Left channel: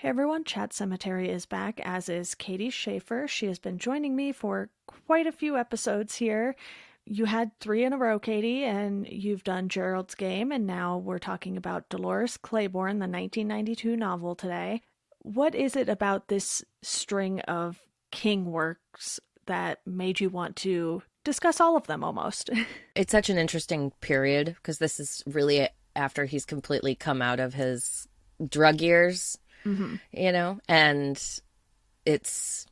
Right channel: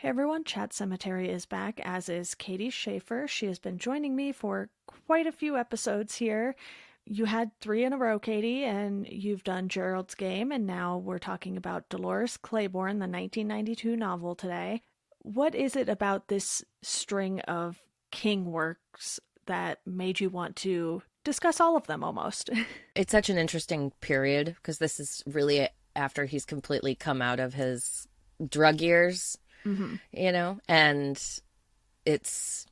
Hey everyone, Chat Cemetery is back, as is Katie Schaefer. She has been joining me for quite a few episodes here. You had 3 in a row, Katie, and you've done Gerald's Game, and now we're talking about Dolores Claiborne, the 1992 novel today. What is it about this string of King works that made you want to discuss all of them almost? It's such an interesting period because this is really after he's completely come out of his drug years. And it's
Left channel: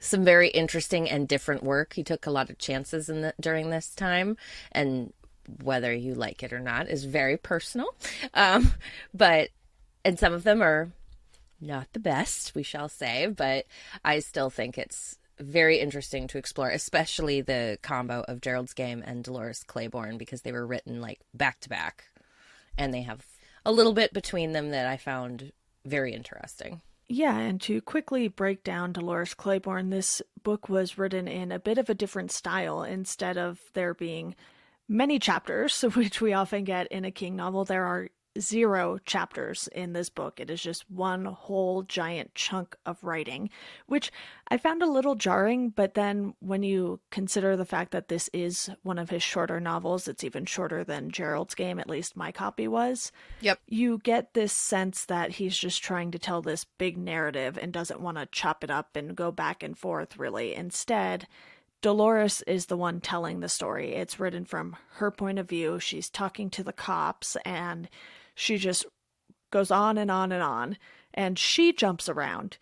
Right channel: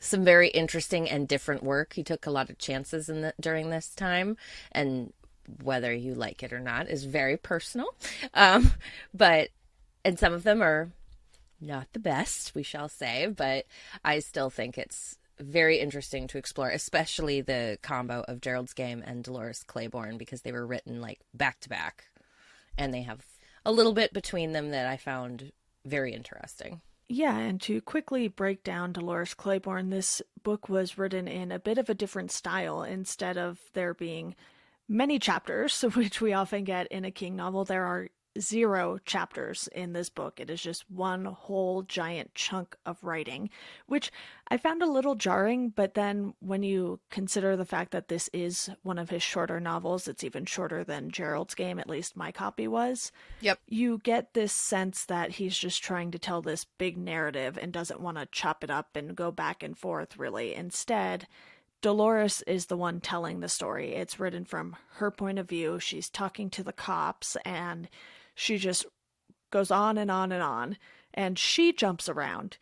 some very interesting and different work. He took a lot of chances during this time, and whether you like it or not is very personal. And some of them are not the best, we shall say, but I still think it's very interesting to explore, especially the combo of Gerald's Game and Dolores Claiborne, because they were written like back to back, and they have a little bit between them that I found very interesting. Yeah, and to quickly break down Dolores Claiborne, this book was written in a bit of a different style. Instead of there being many chapters, which we often get in a King novel, there are 0 chapters in this book. It is just one whole giant chunk of writing, which I found a little jarring, but then when you consider the fact that this is one of his shorter novels, it's even shorter than Gerald's Game, at least my copy was. Yep. You get this sense that he's just trying to tell this big narrative and doesn't want to chop it up and go back and forth, really. Instead, Dolores is the one telling the story. It's written from her point of view. She's talking to the cops, and she just goes on and on and on, and she jumps around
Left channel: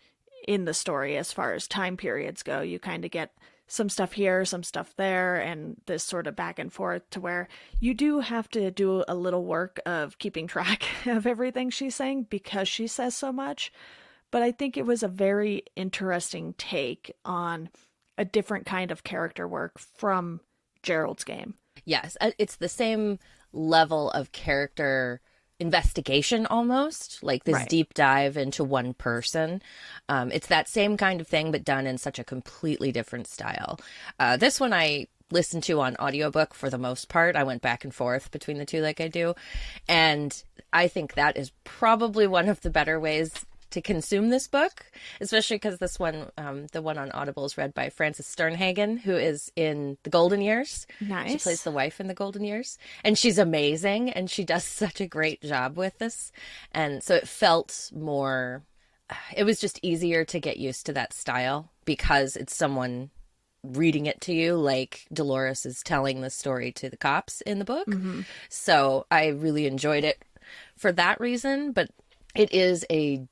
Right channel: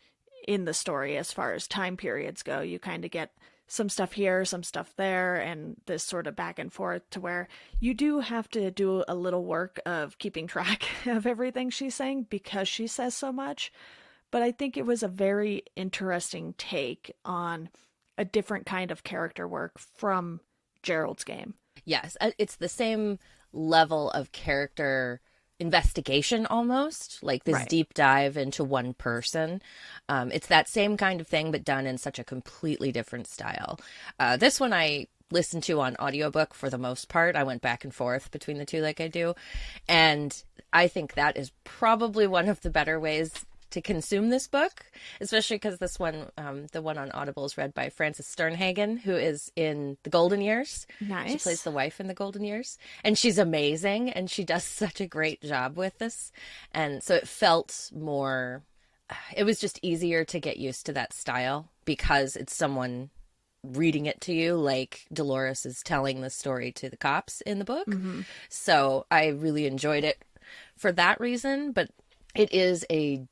in the story as far as time periods go. You kind of get some stuff here, some stuff there, and this sort of back and forth to where you do have to do a little work of keeping track of everything she's saying because she says so much. But I think it was a very interesting take on a different kind of character work from Gerald's Game. Yes, it's the same level of character investigation almost, like this deep dive into one person. It's that same kind of thing, but done in such a completely different style. This one I listened to on audiobook for the most part. I went back and forth between the two like I do. And I think that is probably one of the better ways to consume this book, especially because this one, the one on Audible, is read by Frances Sternhagen, who is in The Golden Years. Nice. She plays the wife in The Golden Years, and she's amazing, and she does such a great job with this. And so it felt more, it was just easier to get used to that style because it's someone reading it to you, like Dolores is telling the story to the cops in the book. So I really enjoyed it for that reason, but it is a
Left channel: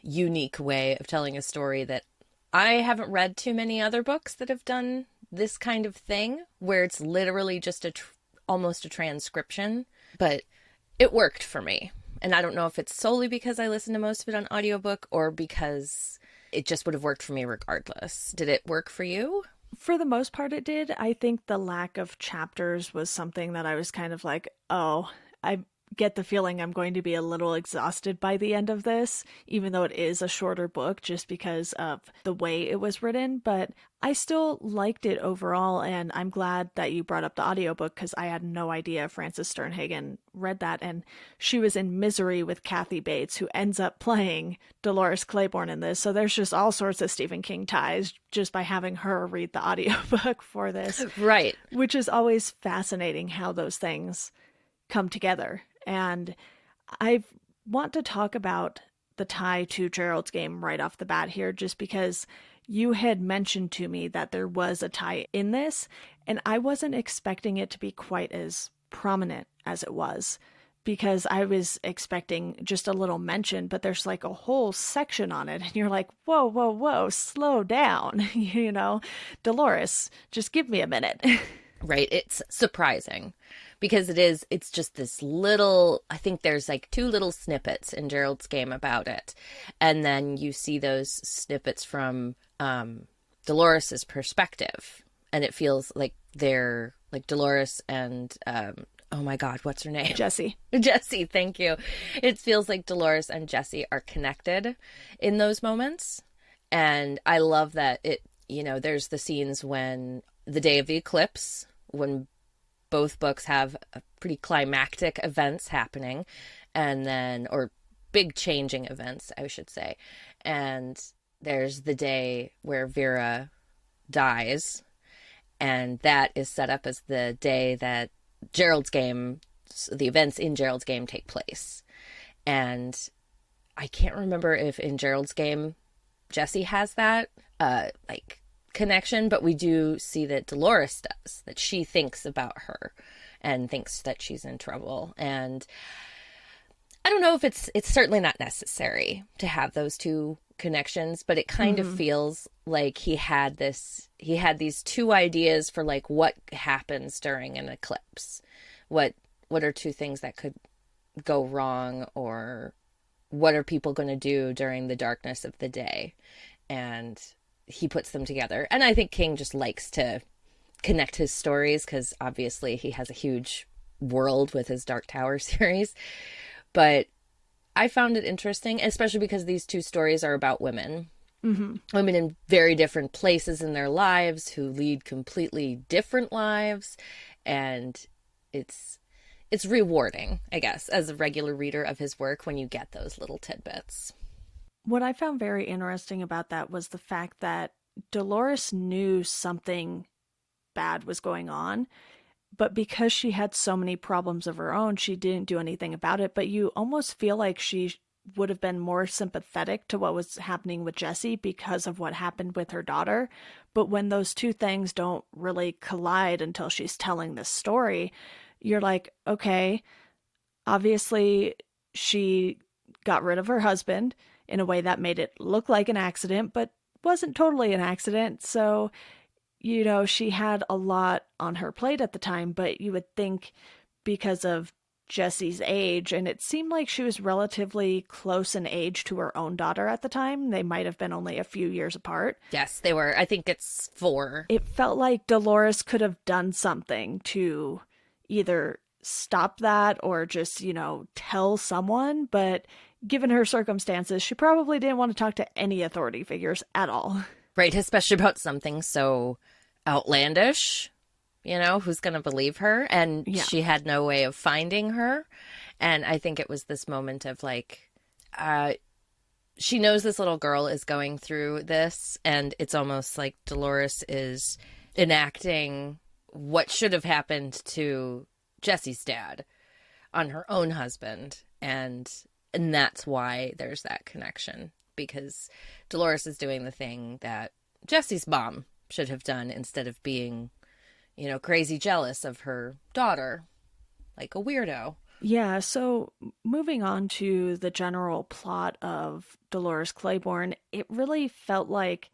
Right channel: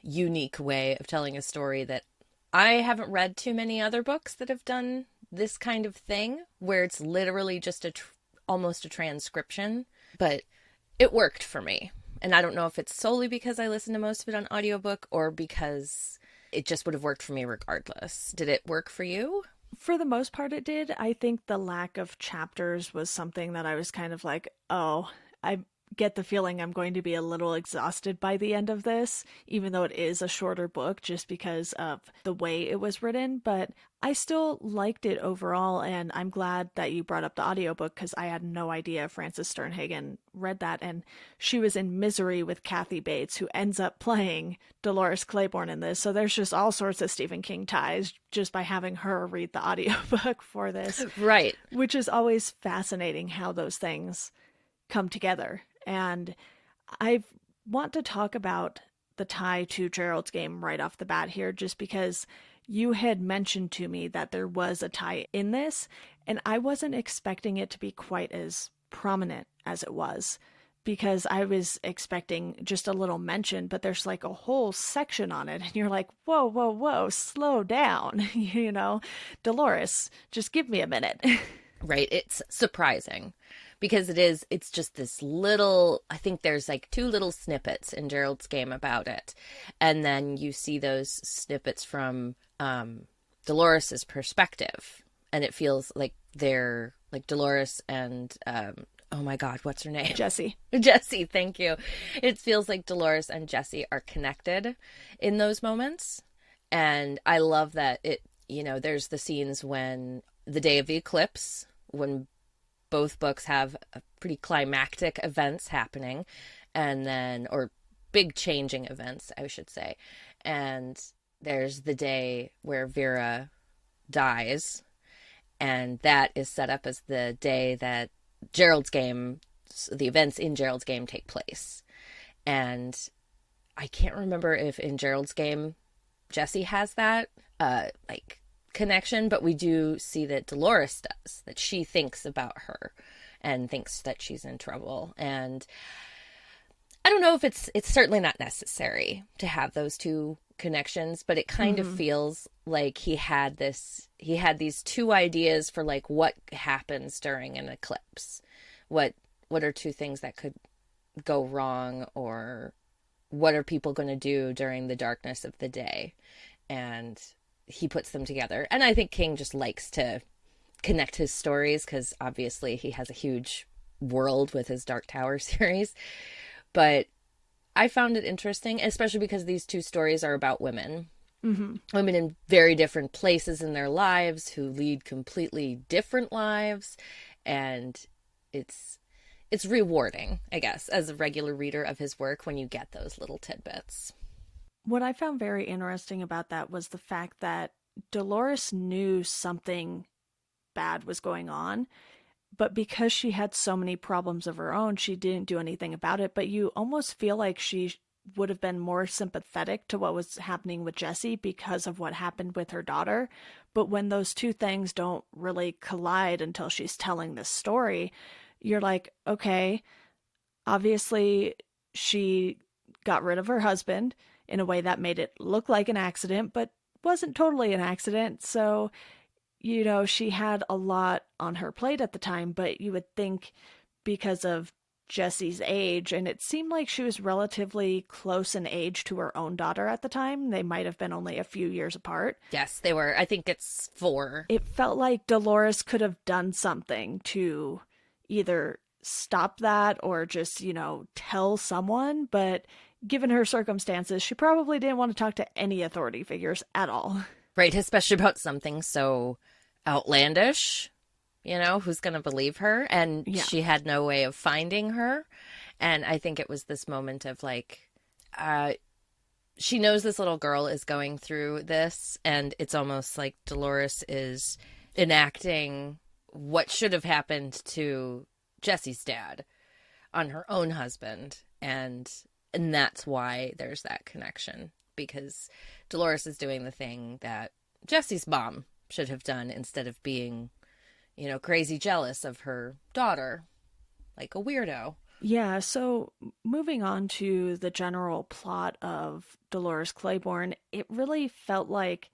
unique way of telling a story that I haven't read too many other books that have done this kind of thing, where it's literally just almost a transcription, but it worked for me. And I don't know if it's solely because I listened to most of it on audiobook or because it just would have worked for me regardless. Did it work for you? For the most part, it did. I think the lack of chapters was something that I was kind of like, oh, I get the feeling I'm going to be a little exhausted by the end of this, even though it is a shorter book just because of the way it was written. But I still liked it overall, and I'm glad that you brought up the audiobook because I had no idea Frances Sternhagen read that, and she was in Misery with Kathy Bates, who ends up playing Dolores Claiborne in this. So there's just all sorts of Stephen King ties just by having her read the audiobook for this. Right. Which is always fascinating how those things come together. And I want to talk about the tie to Gerald's Game right off the bat here, just because you had mentioned to me that there was a tie in this, and I wasn't expecting it to be quite as prominent as it was, because I was expecting just a little mention, but there's like a whole section on it, and you're like, whoa, whoa, whoa, slow down, Dolores, just give me a minute. Right. It's surprising. Because it's just this little, I think there's like 2 little snippets in Gerald's Game about it. And then you see those snippets from Dolores's perspective. And it feels like they're like Dolores and, oh my God, what's her name? Jessie, thank you. It feels like Dolores and Jessie are connected in those moments. And I love that there's the scenes when the day of the eclipse, when both books have pretty climactic events happening, and then, or big changing events, I should say. And there's the day where Vera dies, and that is set up as the day that Gerald's game, the events in Gerald's game take place. And I can't remember if in Gerald's game Jesse has that like connection, but we do see that Dolores does, that she thinks about her and thinks that she's in trouble. And I don't know if it's certainly not necessary to have those two connections, but it kind of feels like he had these two ideas for like what happens during an eclipse. What are two things that could go wrong, or what are people going to do during the darkness of the day? And he puts them together. And I think King just likes to connect his stories because obviously he has a huge world with his Dark Tower series. But I found it interesting, especially because these two stories are about women. Women in very different places in their lives who lead completely different lives. And it's rewarding, I guess, as a regular reader of his work when you get those little tidbits. What I found very interesting about that was the fact that Dolores knew something bad was going on, but because she had so many problems of her own, she didn't do anything about it. But you almost feel like she would have been more sympathetic to what was happening with Jesse because of what happened with her daughter. But when those two things don't really collide until she's telling this story, you're like, okay, obviously she got rid of her husband in a way that made it look like an accident, but wasn't totally an accident. So, you know, she had a lot on her plate at the time, but you would think because of Jesse's age, and it seemed like she was relatively close in age to her own daughter at the time. They might have been only a few years apart. Yes, they were. I think it's 4. It felt like Dolores could have done something to either stop that or just, you know, tell someone, but given her circumstances, she probably didn't want to talk to any authority figures at all. Right, especially about something so outlandish. You know, who's going to believe her? And she had no way of finding her. And I think it was this moment of like, she knows this little girl is going through this, and it's almost like Dolores is enacting what should have happened to Jesse's dad on her own husband. And that's why there's that connection, because Dolores is doing the thing that Jesse's mom should have done instead of being, you know, crazy jealous of her daughter, like a weirdo. Yeah, so moving on to the general plot of Dolores Claiborne, it really felt like,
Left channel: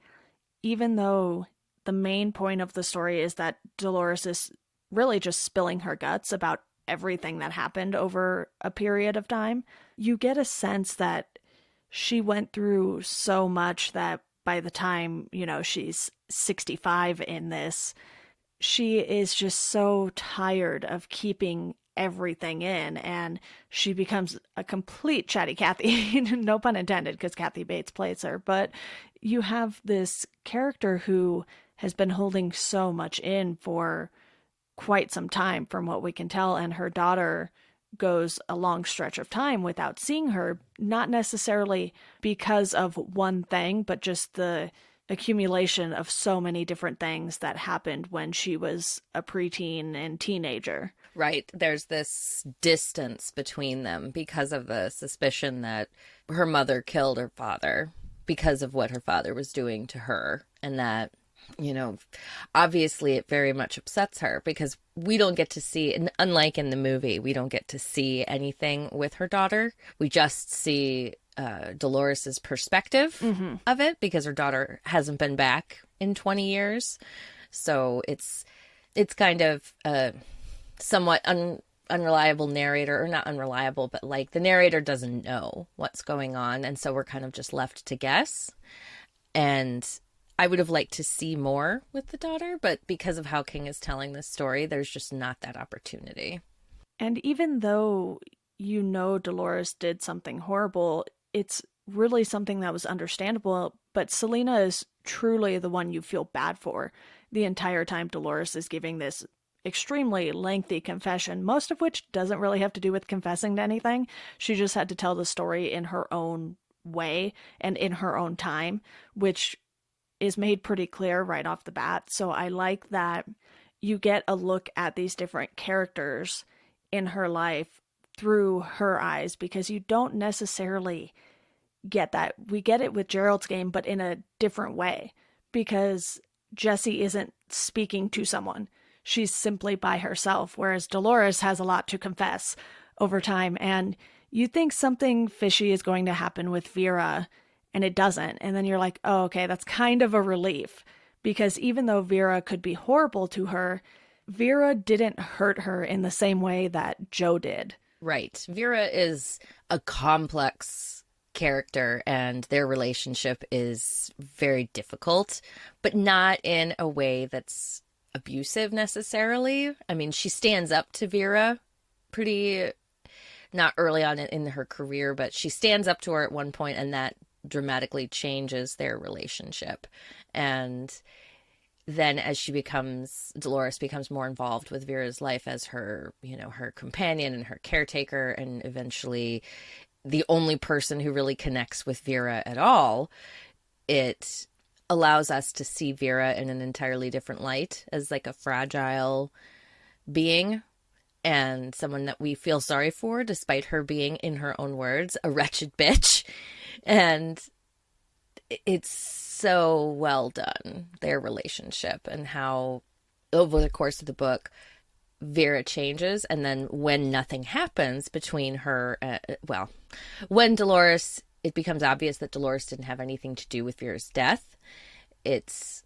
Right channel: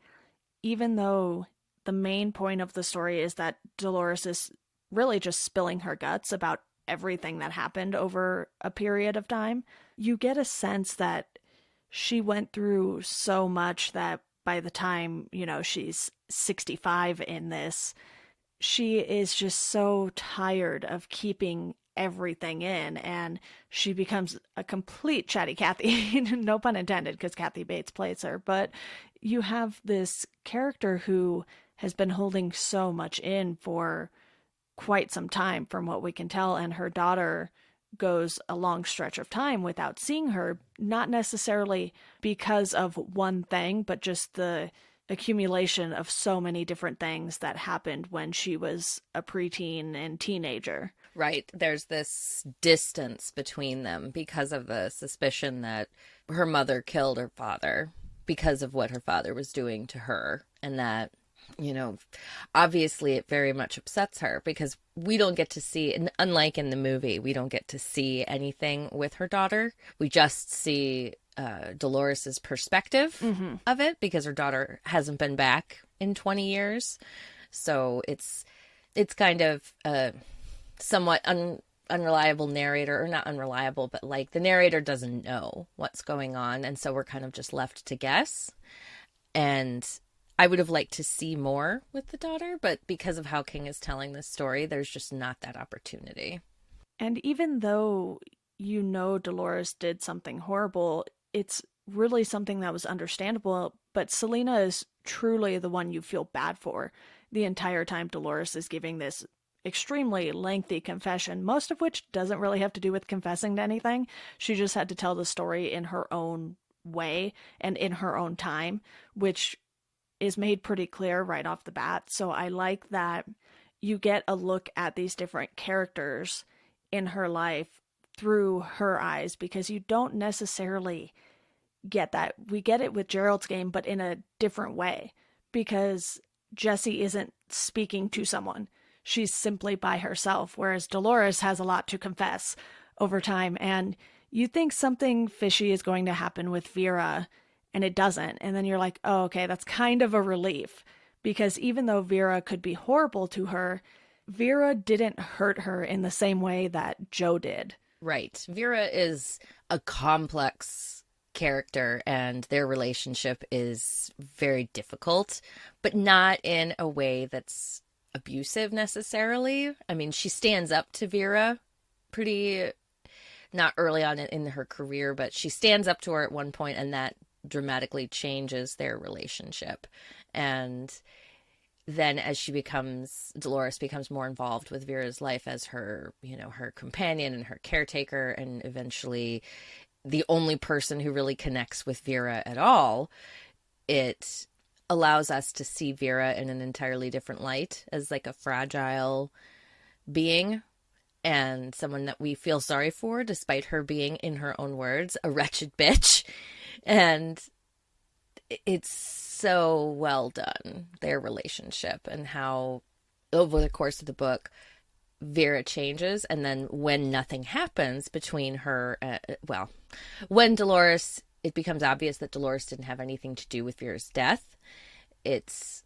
even though the main point of the story is that Dolores is really just spilling her guts about everything that happened over a period of time, you get a sense that she went through so much that by the time, you know, she's 65 in this, she is just so tired of keeping everything in, and she becomes a complete chatty Cathy. No pun intended, because Kathy Bates plays her. But you have this character who has been holding so much in for quite some time, from what we can tell, and her daughter goes a long stretch of time without seeing her, not necessarily because of one thing, but just the accumulation of so many different things that happened when she was a preteen and teenager. Right. There's this distance between them because of the suspicion that her mother killed her father because of what her father was doing to her. And that, you know, obviously it very much upsets her because we don't get to see, and unlike in the movie, we don't get to see anything with her daughter. We just see Dolores's perspective of it because her daughter hasn't been back in 20 years. So it's kind of a somewhat unreliable narrator, or not unreliable, but like the narrator doesn't know what's going on. And so we're kind of just left to guess. And I would have liked to see more with the daughter, but because of how King is telling this story, there's just not that opportunity. And even though you know Dolores did something horrible, it's really something that was understandable, but Selena is truly the one you feel bad for the entire time Dolores is giving this extremely lengthy confession, most of which doesn't really have to do with confessing to anything. She just had to tell the story in her own way and in her own time, which is made pretty clear right off the bat. So I like that you get a look at these different characters in her life through her eyes, because you don't necessarily get that. We get it with Gerald's Game, but in a different way, because Jessie isn't speaking to someone. She's simply by herself, whereas Dolores has a lot to confess over time. And you think something fishy is going to happen with Vera, and it doesn't. And then you're like, oh, okay, that's kind of a relief. Because even though Vera could be horrible to her, Vera didn't hurt her in the same way that Joe did. Right. Vera is a complex character, and their relationship is very difficult, but not in a way that's abusive necessarily. I mean, she stands up to Vera pretty, not early on in her career, but she stands up to her at one point, and that dramatically changes their relationship. And then as Dolores becomes more involved with Vera's life as her, her companion and her caretaker, and eventually the only person who really connects with Vera at all, it allows us to see Vera in an entirely different light, as like a fragile being and someone that we feel sorry for, despite her being, in her own words, a wretched bitch. And it's so well done, their relationship, and how over the course of the book Vera changes. And then when nothing happens between her, when Dolores, it becomes obvious that Dolores didn't have anything to do with Vera's death, it's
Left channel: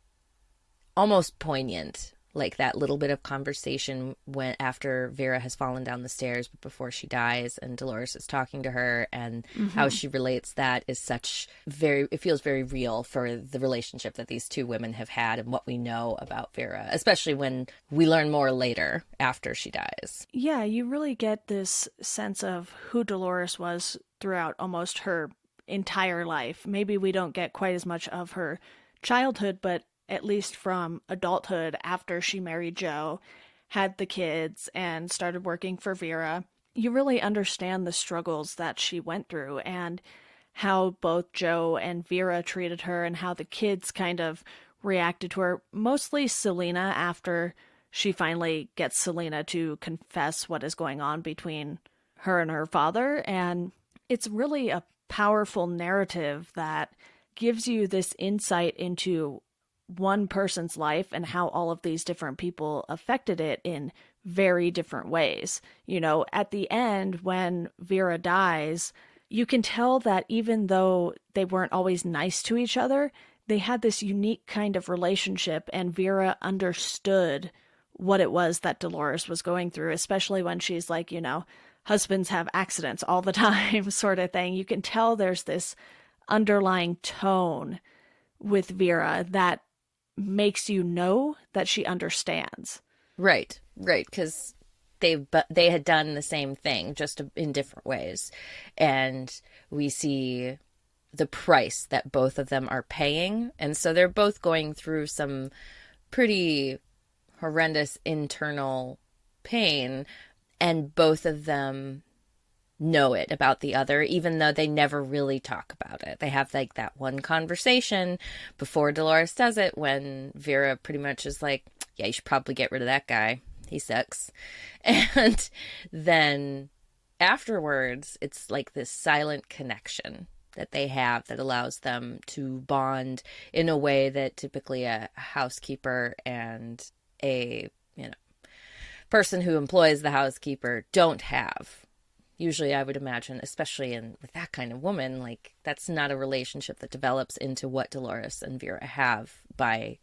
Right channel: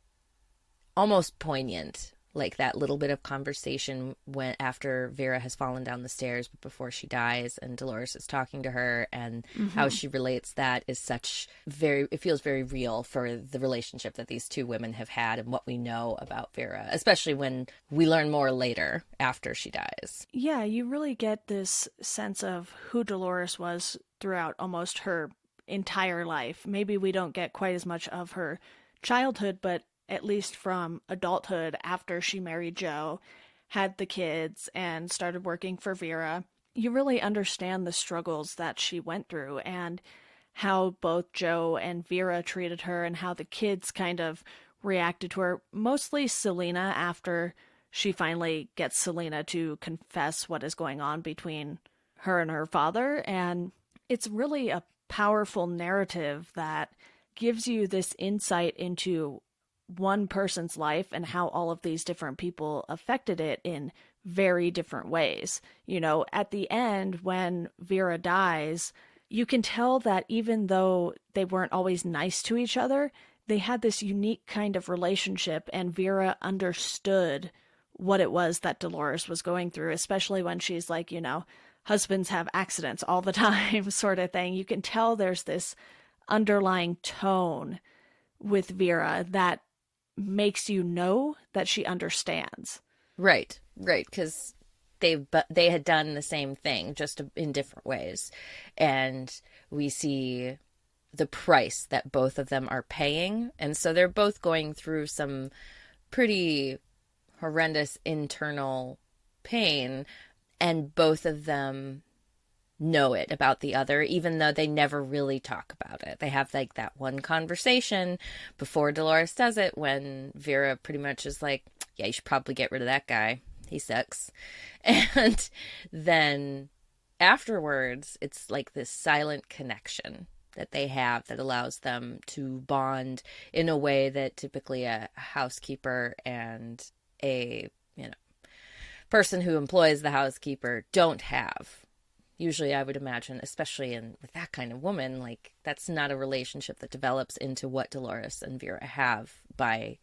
almost poignant, like that little bit of conversation when after Vera has fallen down the stairs but before she dies, and Dolores is talking to her, and how she relates that is it feels very real for the relationship that these two women have had and what we know about Vera, especially when we learn more later after she dies. Yeah, you really get this sense of who Dolores was throughout almost her entire life. Maybe we don't get quite as much of her childhood, but at least from adulthood, after she married Joe, had the kids, and started working for Vera, you really understand the struggles that she went through and how both Joe and Vera treated her and how the kids kind of reacted to her. Mostly Selena, after she finally gets Selena to confess what is going on between her and her father. And it's really a powerful narrative that gives you this insight into one person's life and how all of these different people affected it in very different ways. At the end, when Vera dies, you can tell that even though they weren't always nice to each other, they had this unique kind of relationship, and Vera understood what it was that Dolores was going through, especially when she's like, husbands have accidents all the time sort of thing. You can tell there's this underlying tone with Vera that makes you know that she understands. Right, because they had done the same thing, just in different ways. And we see the price that both of them are paying. And so they're both going through some pretty horrendous internal pain, and both of them know it about the other, even though they never really talk about it. They have like that one conversation before Dolores does it, when Vera pretty much is like, yeah, you should probably get rid of that guy, he sucks. And then afterwards, it's like this silent connection that they have that allows them to bond in a way that typically a housekeeper and a person who employs the housekeeper don't have. Usually, I would imagine, especially with that kind of woman, like, that's not a relationship that develops into what Dolores and Vera have by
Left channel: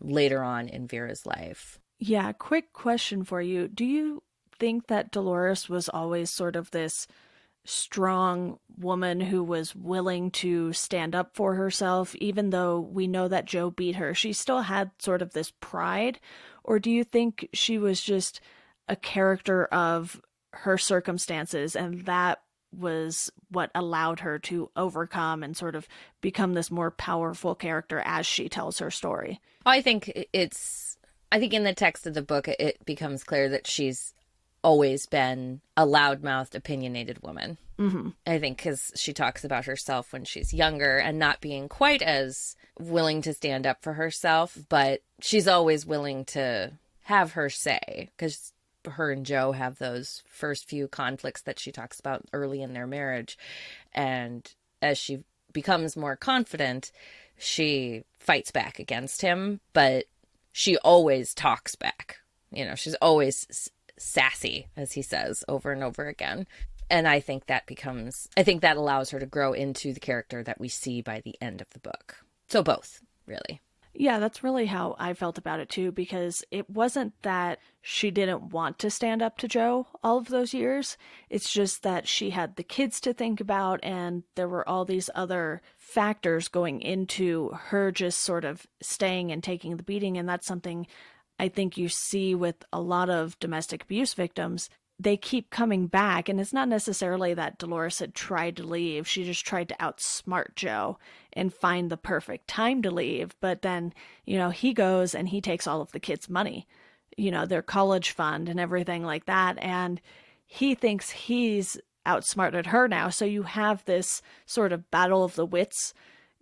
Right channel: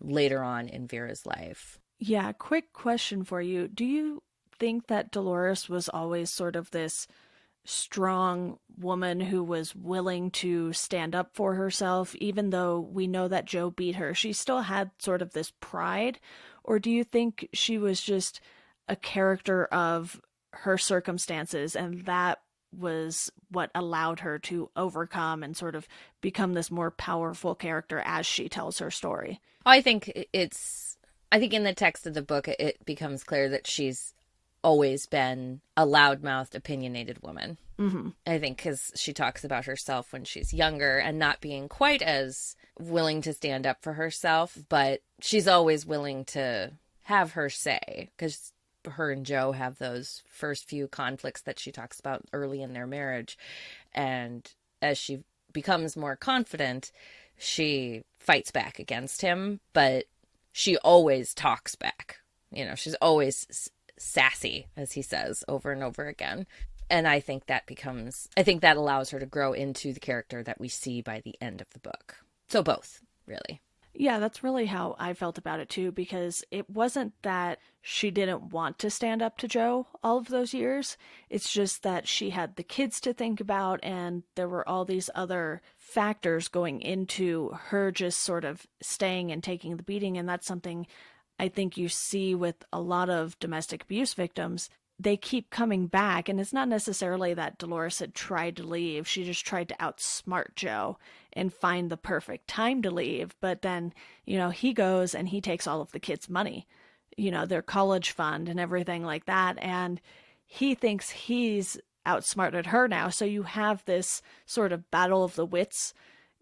later on in Vera's life. Yeah, quick question for you. Do you think that Dolores was always sort of this strong woman who was willing to stand up for herself, even though we know that Joe beat her? She still had sort of this pride? Or do you think she was just a character of her circumstances, and that was what allowed her to overcome and sort of become this more powerful character as she tells her story? I think I think in the text of the book, it becomes clear that she's always been a loudmouthed, opinionated woman. Mm-hmm. I think because she talks about herself when she's younger and not being quite as willing to stand up for herself, but she's always willing to have her say, because her and Joe have those first few conflicts that she talks about early in their marriage. And as she becomes more confident, she fights back against him, but she always talks back. You know, she's always sassy, as he says over and over again. And I think that allows her to grow into the character that we see by the end of the book. So both, really. Yeah, that's really how I felt about it too, because it wasn't that she didn't want to stand up to Joe all of those years. It's just that she had the kids to think about, and there were all these other factors going into her just sort of staying and taking the beating. And that's something I think you see with a lot of domestic abuse victims. They keep coming back, and it's not necessarily that Dolores had tried to leave. She just tried to outsmart Joe and find the perfect time to leave. But then, you know, he goes and he takes all of the kids' money, you know, their college fund and everything like that. And he thinks he's outsmarted her now. So you have this sort of battle of the wits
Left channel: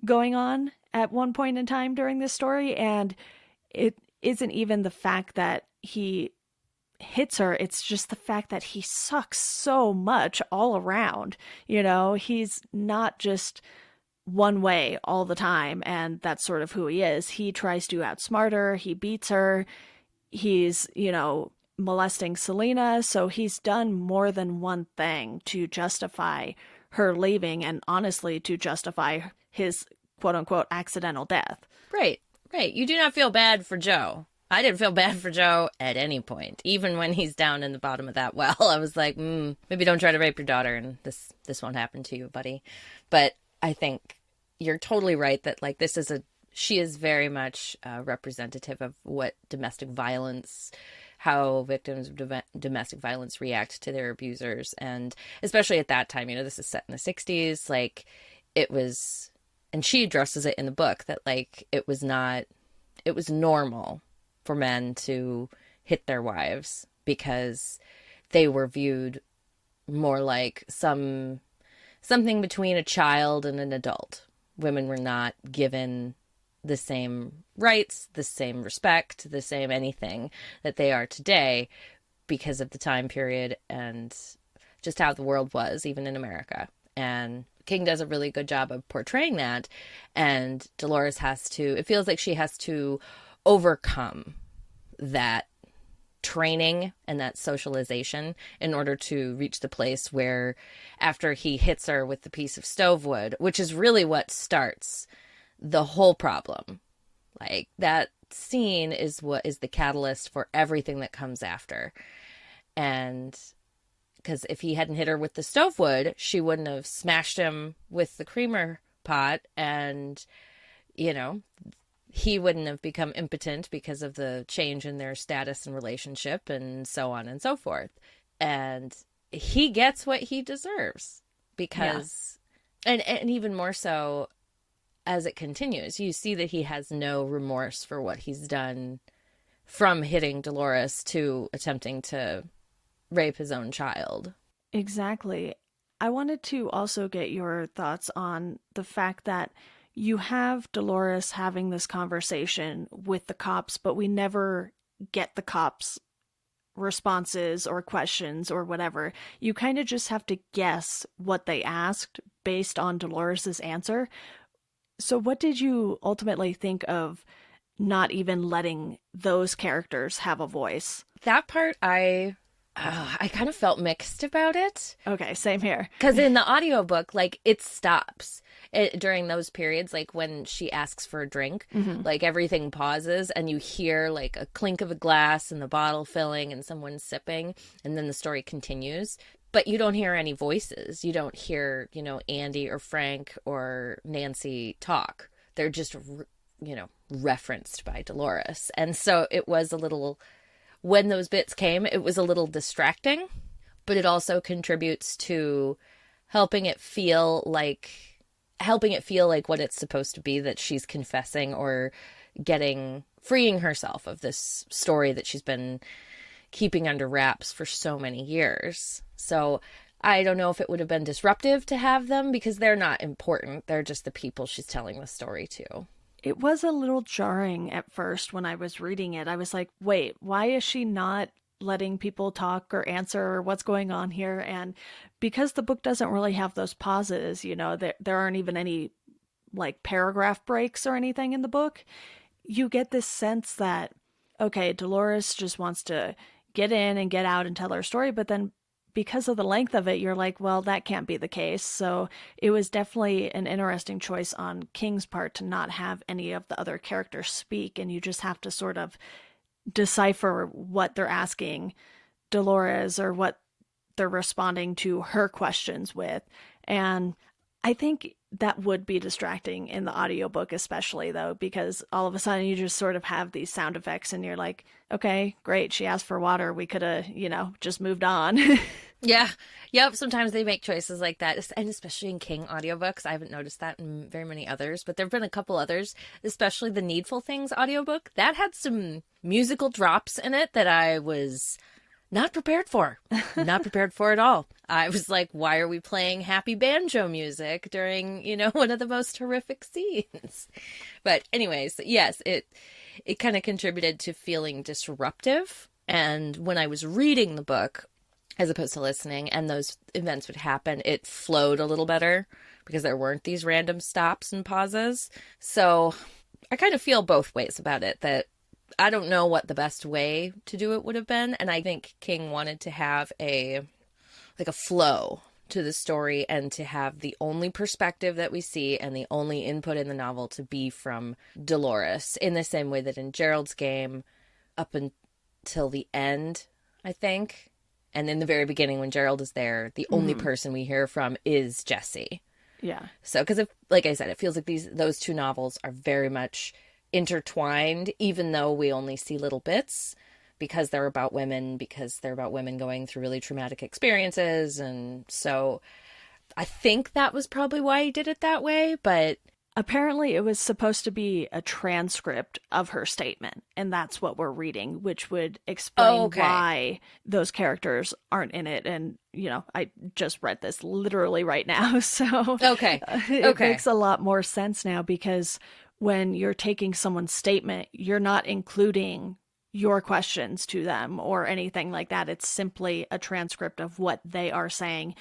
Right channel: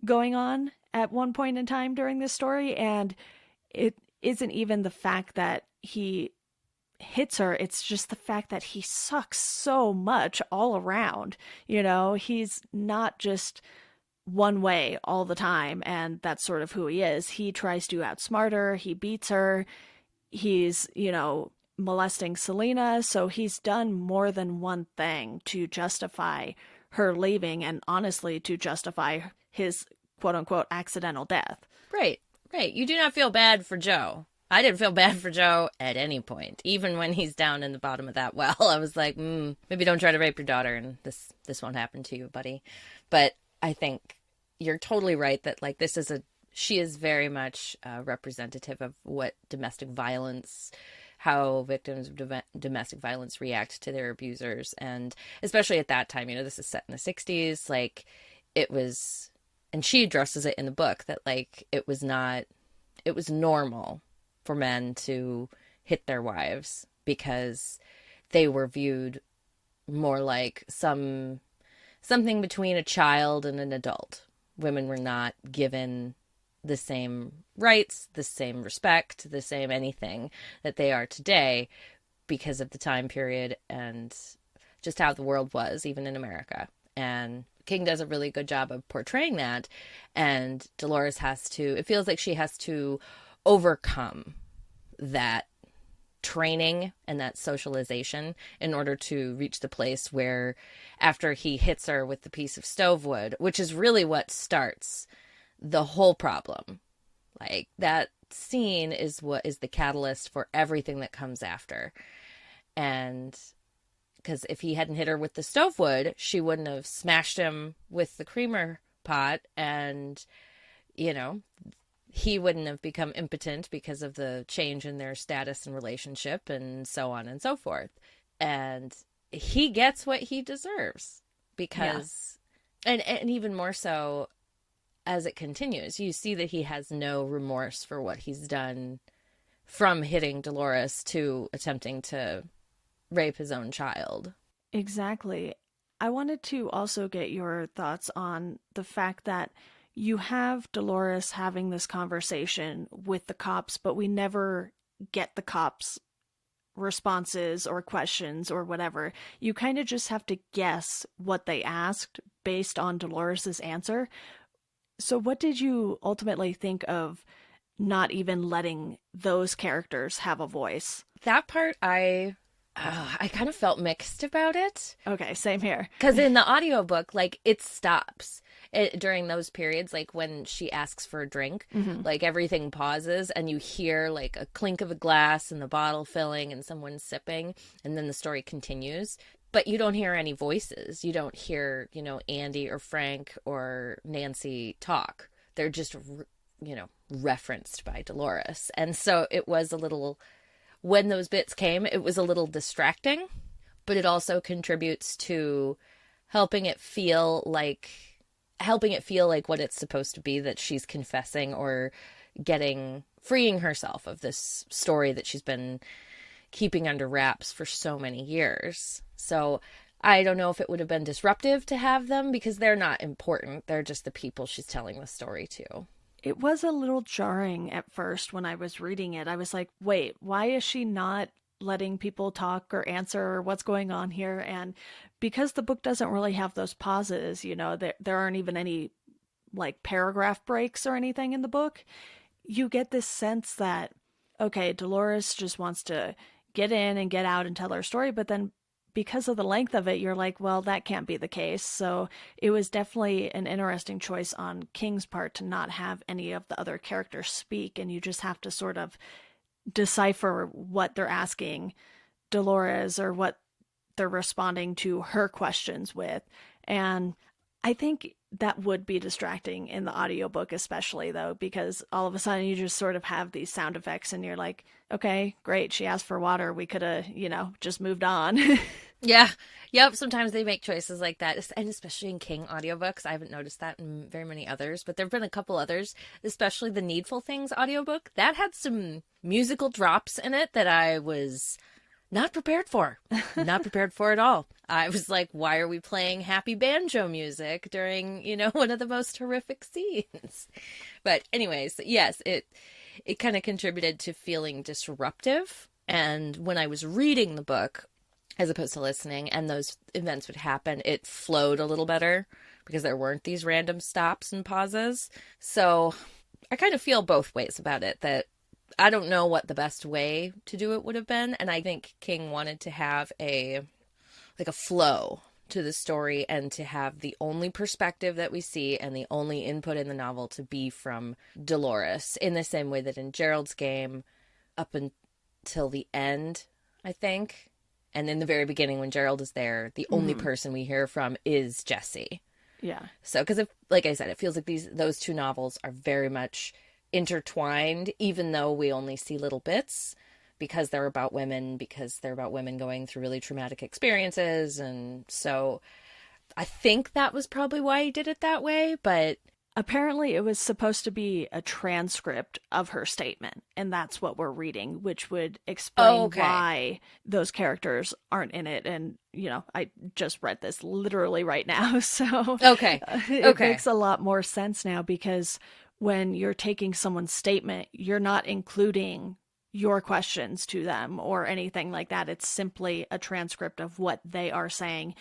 going on at one point in time during this story. And it isn't even the fact that he hits her, it's just the fact that he sucks so much all around. You know, he's not just one way all the time, and that's sort of who he is. He tries to outsmart her, he beats her, he's, you know, molesting Selena, so he's done more than one thing to justify her leaving, and honestly to justify his quote-unquote accidental death. Right. You do not feel bad for Joe. I didn't feel bad for Joe at any point. Even when he's down in the bottom of that well, I was like, maybe don't try to rape your daughter and this won't happen to you, buddy. But I think you're totally right that, like, she is very much representative of what how victims of domestic violence react to their abusers. And especially at that time, you know, this is set in the 60s, like, it was, and she addresses it in the book, that, like, it was normal for men to hit their wives because they were viewed more like something between a child and an adult. Women were not given the same rights, the same respect, the same anything that they are today because of the time period and just how the world was, even in America. And King does a really good job of portraying that. And Dolores it feels like she has to overcome that training and that socialization in order to reach the place where, after he hits her with the piece of stove wood, which is really what starts the whole problem. Like, that scene is what is the catalyst for everything that comes after. And because if he hadn't hit her with the stove wood, she wouldn't have smashed him with the creamer pot, and, you know, he wouldn't have become impotent because of the change in their status and relationship, and so on and so forth. And he gets what he deserves because, and even more so as it continues, you see that he has no remorse for what he's done, from hitting Dolores to attempting to rape his own child. Exactly. I wanted to also get your thoughts on the fact that you have Dolores having this conversation with the cops, but we never get the cops' responses or questions or whatever. You kind of just have to guess what they asked based on Dolores's answer. So what did you ultimately think of not even letting those characters have a voice? That part, I kind of felt mixed about it. Okay, same here. Because in the audiobook, like, it stops. During those periods, like when she asks for a drink, like, everything pauses and you hear, like, a clink of a glass and the bottle filling and someone sipping, and then the story continues. But you don't hear any voices. You don't hear, you know, Andy or Frank or Nancy talk. They're just, you know, referenced by Dolores. And so it was a little, when those bits came, it was a little distracting, but it also contributes to helping it feel like what it's supposed to be, that she's confessing or getting freeing herself of this story that she's been keeping under wraps for so many years. So I don't know if it would have been disruptive to have them, because they're not important. They're just the people she's telling the story to. It was a little jarring at first when I was reading it. I was like, wait, why is she not letting people talk or answer what's going on here? And because the book doesn't really have those pauses, there aren't even any like paragraph breaks or anything in the book, you get this sense that, okay, Dolores just wants to get in and get out and tell her story, but then because of the length of it, you're like, well, that can't be the case. So it was definitely an interesting choice on King's part to not have any of the other characters speak, and you just have to sort of decipher what they're asking Dolores or what they're responding to her questions with. And I think that would be distracting in the audiobook, especially though, because all of a sudden you just sort of have these sound effects and you're like, okay, great. She asked for water. We could have, just moved on. Yeah. Yep. Sometimes they make choices like that. And especially in King audiobooks. I haven't noticed that in very many others, but there've been a couple others, especially the Needful Things audiobook that had some musical drops in it that I was not prepared for. Not prepared for at all. I was like, why are we playing happy banjo music during, one of the most horrific scenes? But anyways, yes, it kind of contributed to feeling disruptive. And when I was reading the book, as opposed to listening, and those events would happen, it flowed a little better because there weren't these random stops and pauses. So I kind of feel both ways about it, that I don't know what the best way to do it would have been. And I think King wanted to have a flow to the story and to have the only perspective that we see and the only input in the novel to be from Dolores, in the same way that in Gerald's Game, up until the end, I think, and in the very beginning when Gerald is there, the only person we hear from is Jessie. Yeah. So, because like I said, it feels like those two novels are very much intertwined, even though we only see little bits, because they're about women going through really traumatic experiences. And so I think that was probably why he did it that way, but apparently it was supposed to be a transcript of her statement, and that's what we're reading, which would explain why those characters aren't in it. And, I just read this literally right now, so it makes a lot more sense now, because when you're taking someone's statement, you're not including your questions to them or anything like that. It's simply a transcript of what they are saying,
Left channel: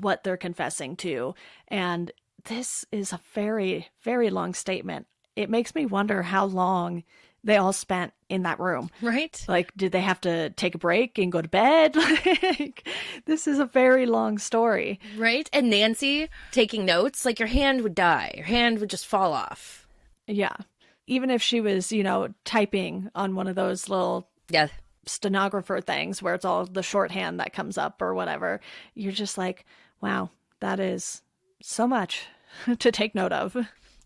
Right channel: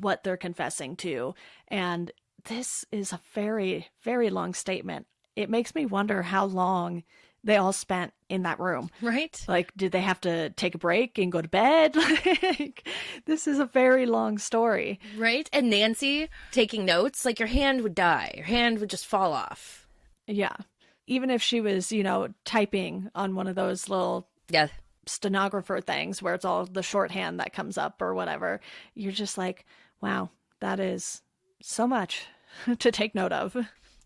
what they're confessing to. And this is a very, very long statement. It makes me wonder how long they all spent in that room. Right. Like, did they have to take a break and go to bed? This is a very long story. Right. And Nancy taking notes, like your hand would die. Your hand would just fall off. Yeah. Even if she was, typing on one of those little stenographer things where it's all the shorthand that comes up or whatever, you're just like, wow, that is so much to take note of.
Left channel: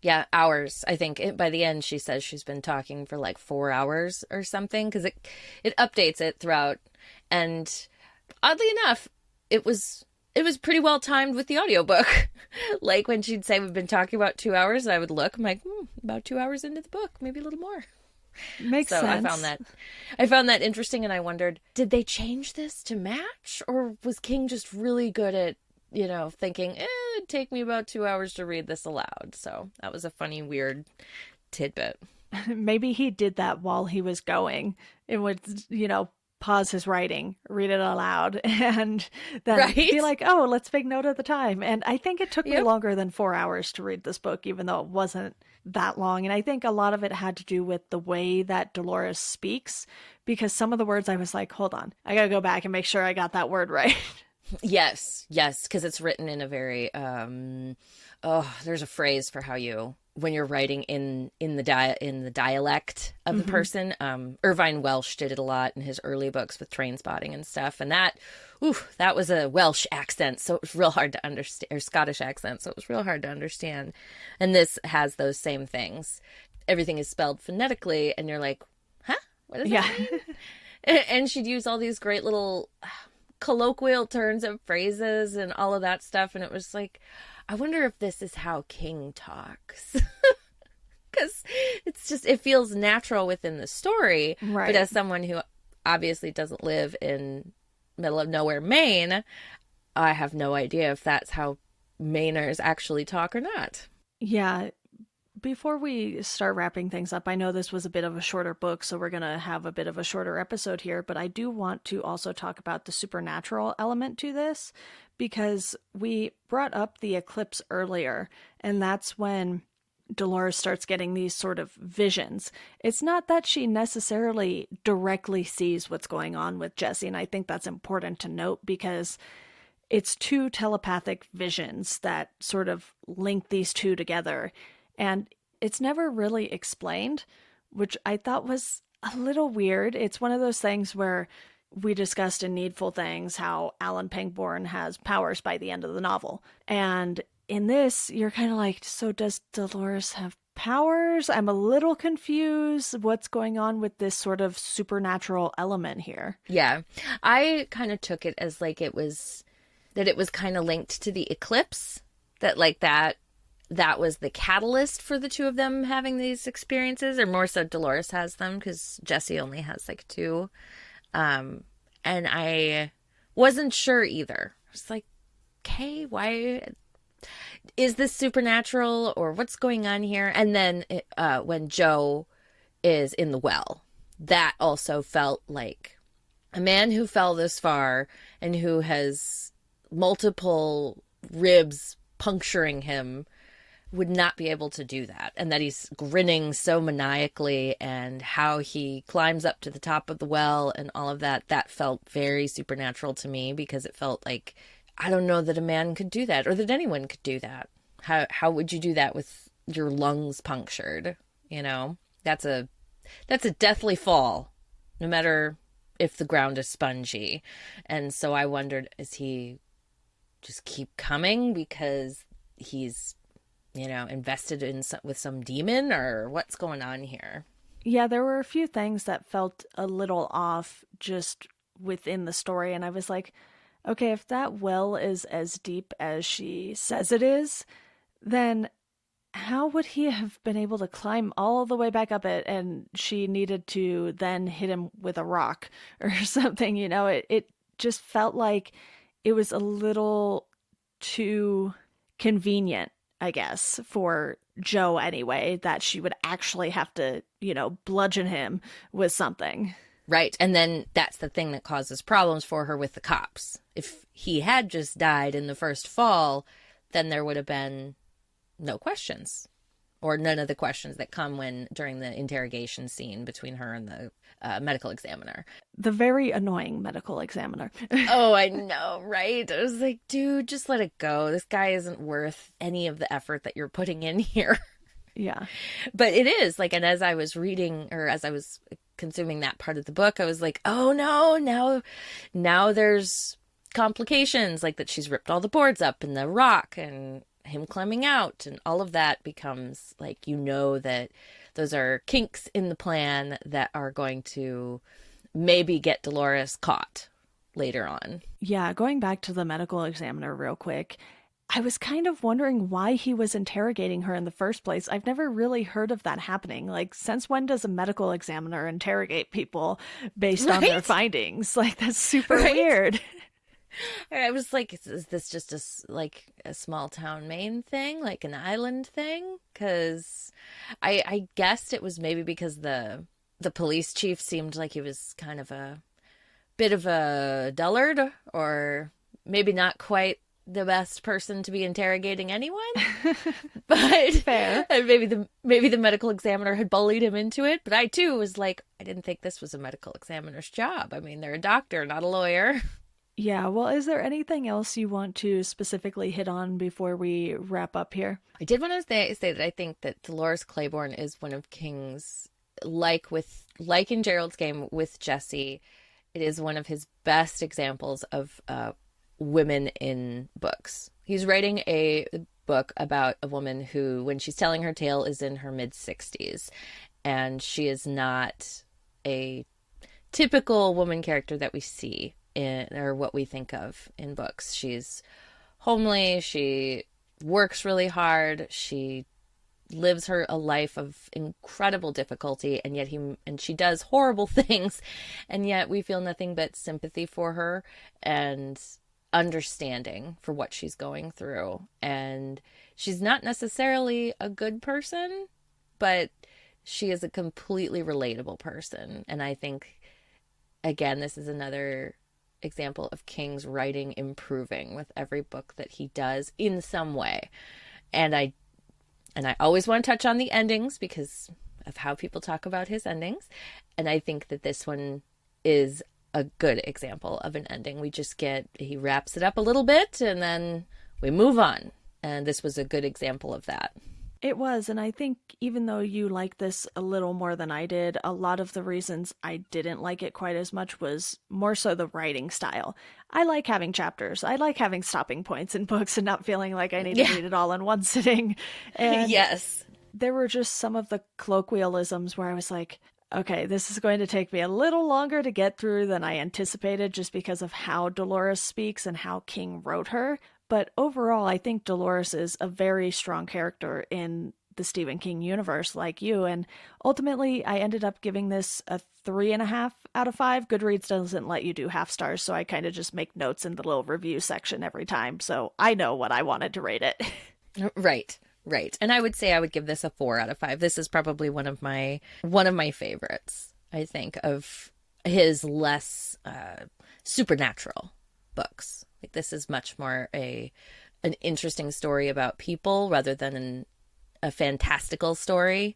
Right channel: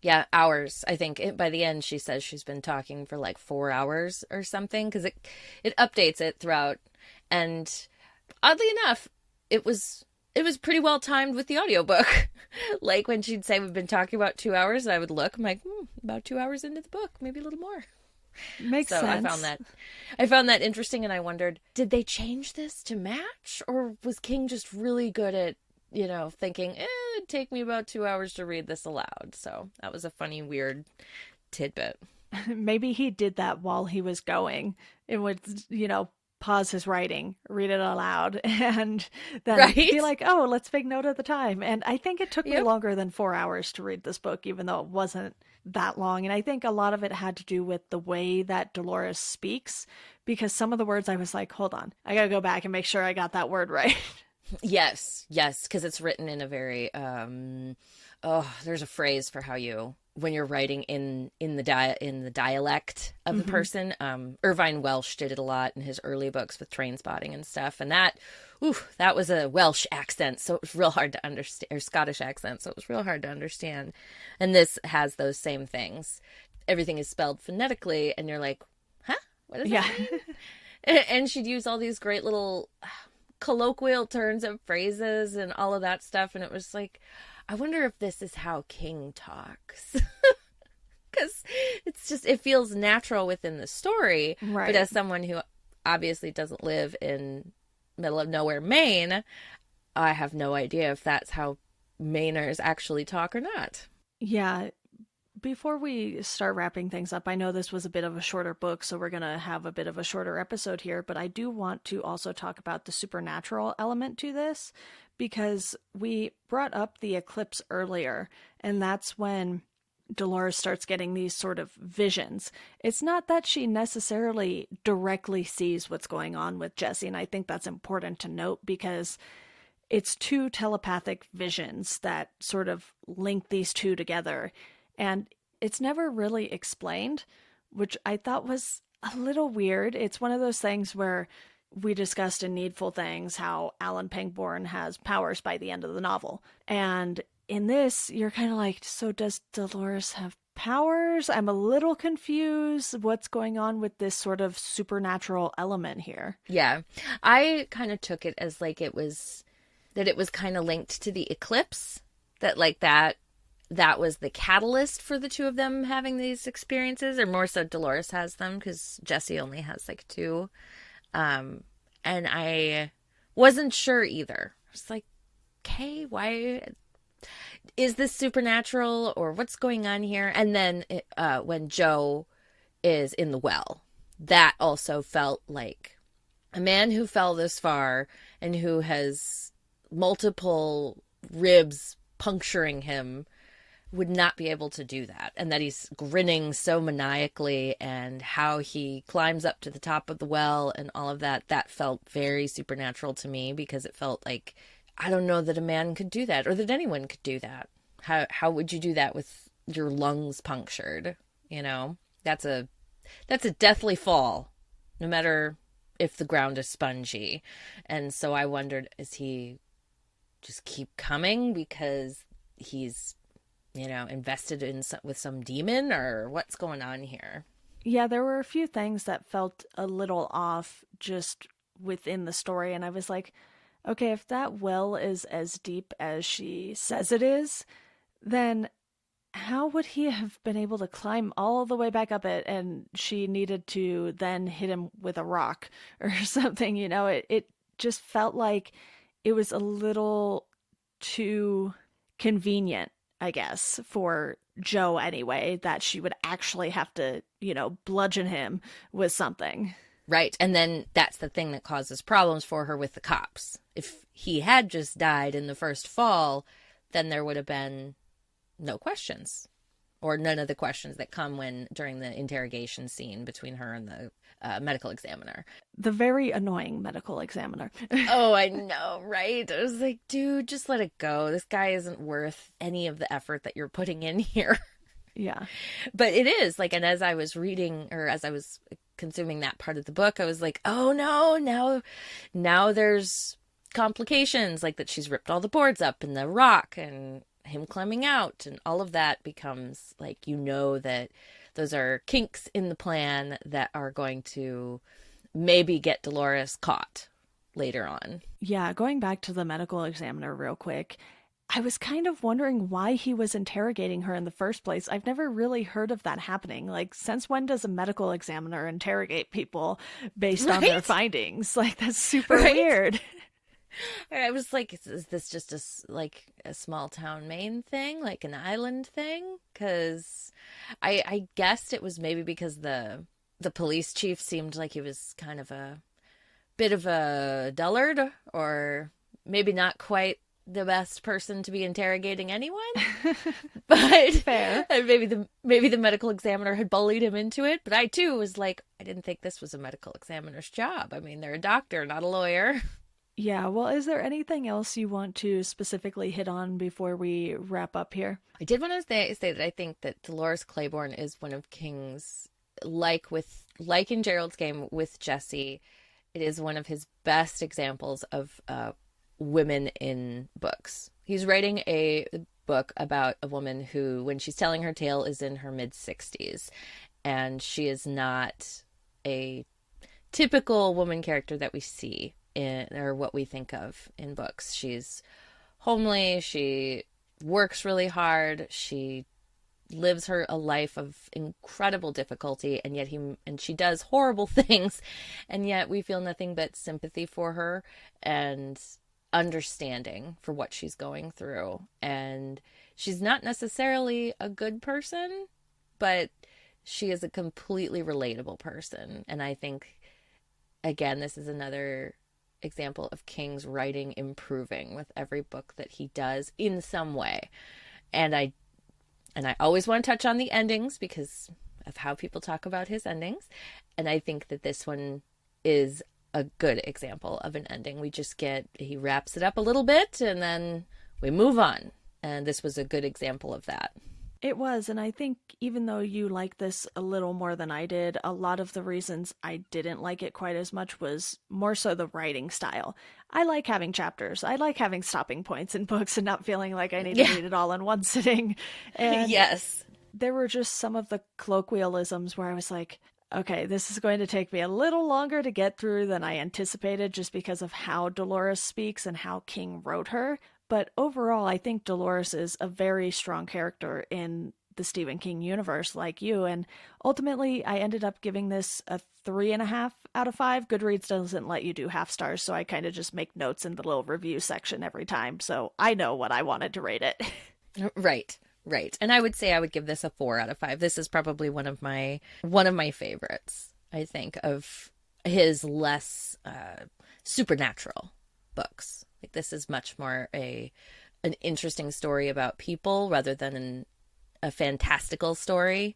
Yeah, hours. I think by the end she says she's been talking for like 4 hours or something, because it updates it throughout. And oddly enough, it was pretty well timed with the audiobook. Like when she'd say we've been talking about 2 hours, I would look, I'm like, about 2 hours into the book, maybe a little more. Makes sense. I found that interesting, and I wondered, did they change this to match, or was King just really good at, thinking, it'd take me about 2 hours to read this aloud? So that was a funny, weird tidbit. Maybe he did that while he was going. It would, pause his writing, read it aloud, and then be like, oh, let's make note of the time. And I think it took me longer than 4 hours to read this book, even though it wasn't that long. And I think a lot of it had to do with the way that Dolores speaks, because some of the words I was like, hold on, I gotta go back and make sure I got that word right. Yes, because it's written in a very, there's a phrase for how when you're writing in the dialect of the person. Irvine Welsh did it a lot in his early books with Train Spotting and stuff, and that was a Welsh accent, so it was real hard to understand, or Scottish accent, so it was real hard to understand. And this has those same things. Everything is spelled phonetically, and you're like, huh, what does that mean? And she'd use all these great little colloquial turns of phrases and all of that stuff, and it was like, I wonder if this is how King talks. because it's just, it feels natural within the story. Right. But as someone who obviously doesn't live in middle of nowhere, Maine, I have no idea if that's how Mainers actually talk or not. Yeah. Before we start wrapping things up, I know this was a bit of a shorter book, so we're going to have a bit of a shorter episode here, but I do want to also talk about the supernatural element to this, because we brought up the eclipse earlier, and that's when Dolores starts getting these sort of visions. It's not that she necessarily directly sees what's going on with Jesse, and I think that's important to note because it's two telepathic visions that sort of link these two together. And it's never really explained, which I thought was a little weird. It's one of those things where we discussed in Needful Things how Alan Pangborn has powers by the end of the novel. And in this, you're kind of like, so does Dolores have powers? I'm a little confused. What's going on with this sort of supernatural element here? Yeah. I kind of took it as like it was kind of linked to the eclipse, that like that was the catalyst for the two of them having these experiences, or more so Dolores has them because Jesse only has like two. And I wasn't sure either. I was like, okay, why is this supernatural or what's going on here? And then when Joe is in the well, that also felt like a man who fell this far and who has multiple ribs puncturing him would not be able to do that, and that he's grinning so maniacally, and how he climbs up to the top of the well and all of that felt very supernatural to me, because it felt like, I don't know that a man could do that, or that anyone could do that. How would you do that with your lungs punctured? You know, that's a deathly fall, no matter if the ground is spongy. And so I wondered, is he just keep coming because he's, you know, invested in with some demon, or what's going on here? Yeah, there were a few things that felt a little off just within the story, and I was like, okay, if that well is as deep as she says it is, then how would he have been able to climb all the way back up it, and she needed to then hit him with a rock or something? You know, it just felt like it was a little too convenient, I guess, for Joe anyway, that she would actually have to, you know, bludgeon him with something. Right. And then that's the thing that causes problems for her with the cops. If he had just died in the first fall, then there would have been no questions, or none of the questions that come during the interrogation scene between her and the medical examiner. The very annoying medical examiner. Oh, I know, right? I was like, dude, just let it go. This guy isn't worth any of the effort that you're putting in here. Yeah. But it is, like, and as I was reading, or as I was consuming that part of the book, I was like, oh no, now there's complications, like that she's ripped all the boards up and the rock and him climbing out, and all of that becomes like, you know, that those are kinks in the plan that are going to maybe get Dolores caught later on. Yeah, going back to the medical examiner real quick, I was kind of wondering why he was interrogating her in the first place. I've never really heard of that happening. Like, since when does a medical examiner interrogate people based on their findings? Like, that's super weird. I was like, is this just a small town Maine thing, like an island thing? Because I guessed it was maybe because the police chief seemed like he was kind of a bit of a dullard, or maybe not quite the best person to be interrogating anyone. But fair. And maybe the medical examiner had bullied him into it. But I too was like, I didn't think this was a medical examiner's job. I mean, they're a doctor, not a lawyer. Yeah, well, is there anything else you want to specifically hit on before we wrap up here? I did want to say that I think that Dolores Claiborne is one of King's, like in Gerald's Game with Jesse, it is one of his best examples of women in books. He's writing a book about a woman who, when she's telling her tale, is in her mid-60s, and she is not a typical woman character that we see or what we think of in books. She's homely, she works really hard, she lives her a life of incredible difficulty, and yet she does horrible things, and yet we feel nothing but sympathy for her and understanding for what she's going through. And she's not necessarily a good person, but she is a completely relatable person. And I think, again, this is another example of King's writing improving with every book that he does in some way. And I always want to touch on the endings because of how people talk about his endings. And I think that this one is a good example of an ending. He wraps it up a little bit and then we move on. And this was a good example of that. It was, and I think even though you like this a little more than I did, a lot of the reasons I didn't like it quite as much was more so the writing style. I like having chapters. I like having stopping points in books and not feeling like I need to read it all in one sitting. And yes. There were just some of the colloquialisms where I was like, okay, this is going to take me a little longer to get through than I anticipated just because of how Dolores speaks and how King wrote her. But overall, I think Dolores is a very strong character in the Stephen King universe, like you. And ultimately, I ended up giving this a 3.5 out of 5. Goodreads doesn't let you do half stars, so I kind of just make notes in the little review section every time. So I know what I wanted to rate it. Right. And I would say I would give this a 4 out of 5. This is probably one of my favorites, I think, of his less supernatural books. Like, this is much more an interesting story about people rather than a fantastical story.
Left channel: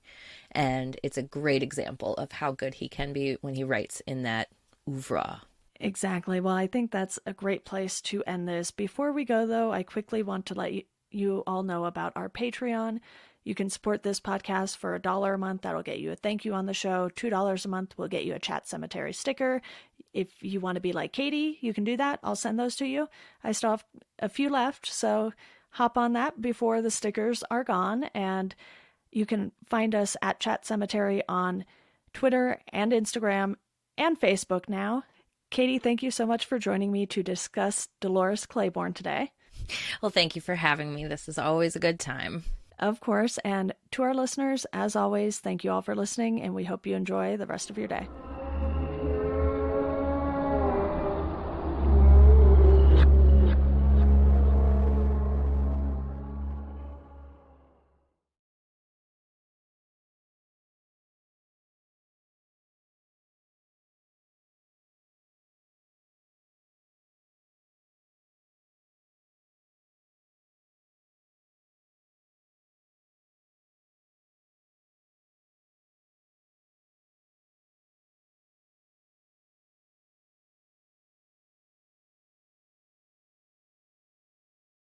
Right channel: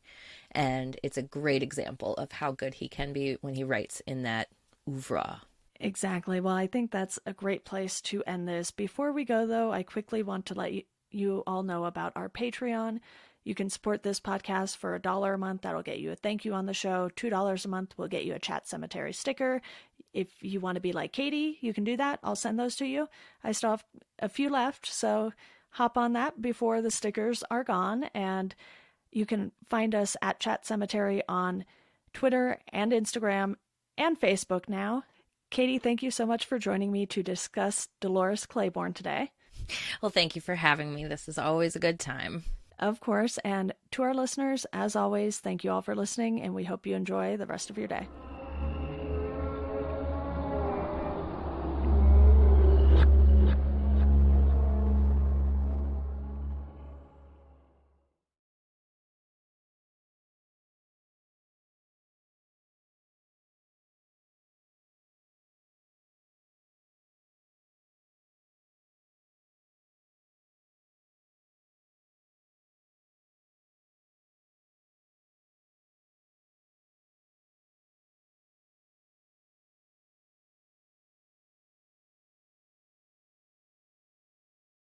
And it's a great example of how good he can be when he writes in that oeuvre. Exactly. Well, I think that's a great place to end this. Before we go, though, I quickly want to let you all know about our Patreon. You can support this podcast for $1 a month. That'll get you a thank you on the show. $2 a month will get you a Chat Sematary sticker. If you want to be like Katie, you can do that. I'll send those to you. I still have a few left, so hop on that before the stickers are gone. And you can find us at Chat Sematary on Twitter and Instagram and Facebook now. Katie, thank you so much for joining me to discuss Dolores Claiborne today. Well, thank you for having me. This is always a good time. Of course. And to our listeners, as always, thank you all for listening, and we hope you enjoy the rest of your day.